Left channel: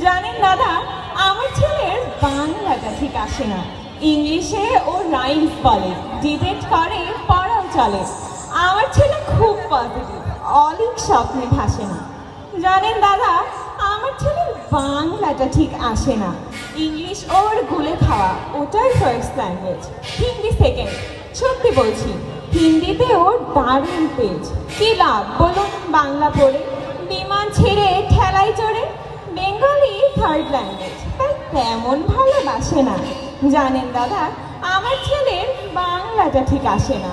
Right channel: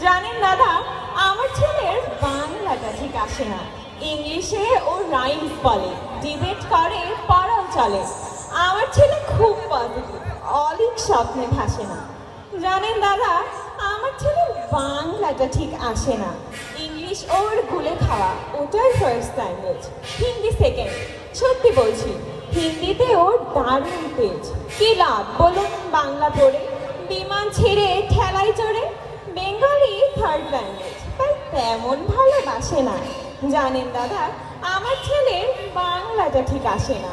জানেন দাদা, আমার ছেলের বাংলাটা ঠিক আসে না। ইংলিশে ও রাইমস বলে, ডিবেট করে, পড়াও চলে। আমার ছেলে খুব পজিটিভ, অলিক স্বপ্নে ভাসে না। জানেন দাদা, আমার ছেলের বাংলাটা ঠিক আসে না। ইংলিশ ওর গুলে খাওয়া, ওটাই ফার্স্ট ল্যাঙ্গুয়েজ, হিন্দি সেকেন্ড। সত্যি বলছি, হিন্দিতে ওর দারুণ পেজ। কি লাভ বলুন বাংলা পড়ে? বিমান ছেড়ে ঠেলায় চড়ে। বেঙ্গলি থার্ড ল্যাঙ্গুয়েজ, তাই তেমন ভালোবাসে না। জানেন দাদা, আমার ছেলের বাংলাটা ঠিক আসে না।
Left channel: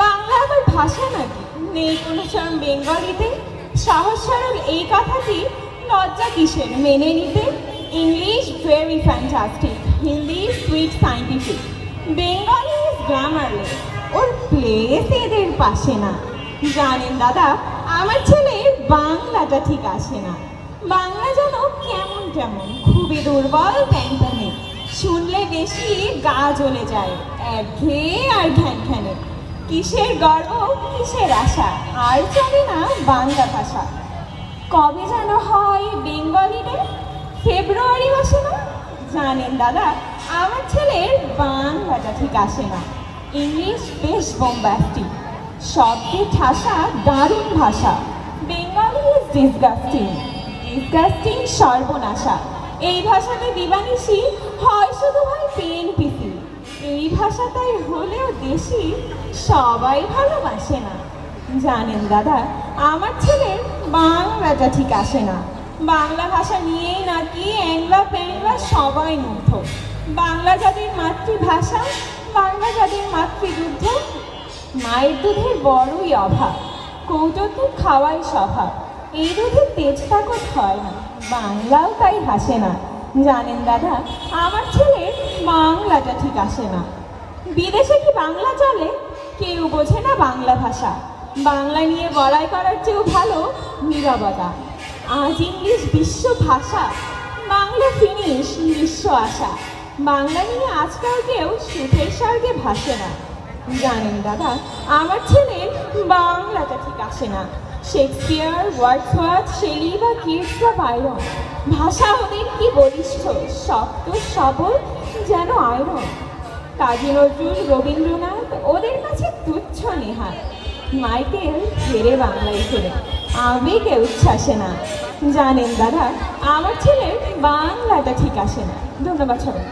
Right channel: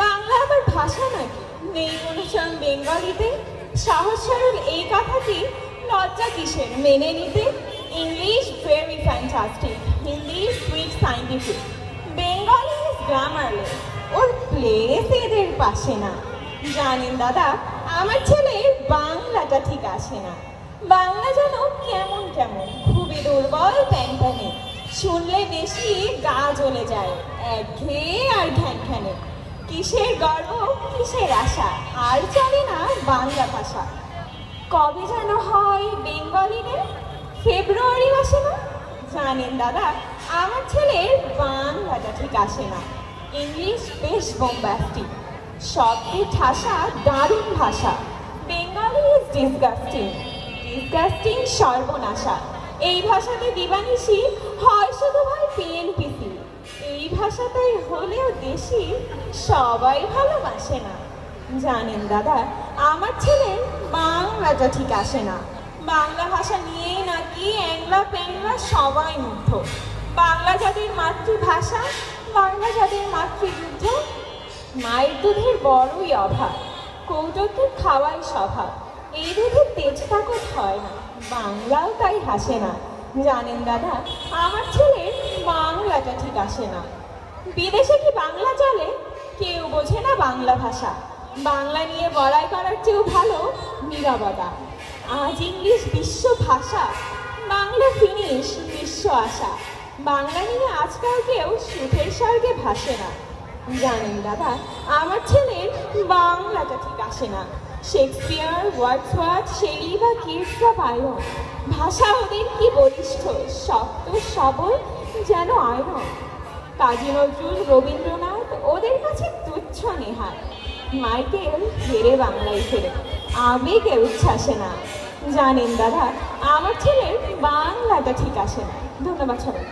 বাংলা আবার ভাষা নাকি? নেই কোনো সব বেঙ্গলিতে? সহস্বরূপ এই কথাটি লজ্জা কিসের মেনে নিতে? English very fantastic, Hindi sweet scientific, Bengali grammarless, ওর প্লেস এদের পাশে না। জানেন দাদা, আমার ছেলের বাংলাটা ঠিক আসে না। বাংলা যেন কেমন কেমন, খুবই দুর্বল প্যানপ্যানে। শুনলে বেশি গা জ্বলে যায়, একঘেয়ে আর ঘ্যান ঘ্যানে। কিসের গর্ব, কিসের আশা, আর জানে না বাংলা ভাষা। কবে যেন হয় বেঙ্গলি ডে, ফেব্রুয়ারি মাসে না? জানেন দাদা, আমার ছেলের বাংলাটা ঠিক আসে না। ইংলিশ বেশ বোম্বাস্টিক, শব্দের ঠাসা দারুণ ভাষা। বেঙ্গলি ইজ ডিসগাস্টিং, ডিসগাস্টিং সর্বনাশা। এই ভাষাতে দিবানিশি হয় শুধু হয় পিএনপিসি। এই ভাষাতে হলেও দেশি, সবাই ভালোবাসে না। জানেন দাদা, আমার ছেলের বাংলাটা ঠিক আসে না। বাংলা ভাষা নিয়েই নাকি অ্যাংলা প্যাংলা সবাই মুগ্ধ। বাংলা যাদের মাতৃভাষা, বাংলা যাদের মাতৃযুদ্ধ। মায়ের দুধের বড়ই অভাব, কৌটোকে খাওয়াই স্বভাব। এই দুধে তেজ তাকত হয় না, বাংলাও তাই হাসে না। জানেন দাদা, আমার ছেলের বাংলাটা ঠিক আসে না। বিদেশে কি বাংলা চলে? কেউ বোঝে না বাংলা ভাষা। বাংলা নিয়ে বড়াই করার চেয়েও ভালো নীরবতা। আজ ইংলিশ বিশ্ব ভাষা, বাংলা ফিনিশ বিশ্ব আশা। বাংলা নিয়ে আজকাল কেউ সুখের স্বর্গে ভাসে না। জানেন দাদা, আমার ছেলের বাংলাটা ঠিক আসে না। শেক্সপিয়ার, ওয়ার্ডসওয়ার্থ, শেলি বা কিটসরা বাইরন, ভাষা ওদের কি বলিষ্ঠ, শক্ত সবল যেন আয়রন। কাজী নজরুল, রবীন্দ্রনাথ ওদের কাছে তুচ্ছ নেহাত। মাইকেল ফেরে বাংলায় ফেরে, আবেগে উচ্ছ্বাসে না। জানেন দাদা, আমার ছেলের বাংলাটা ঠিক আসে না। ধন্যবাদ সবাই।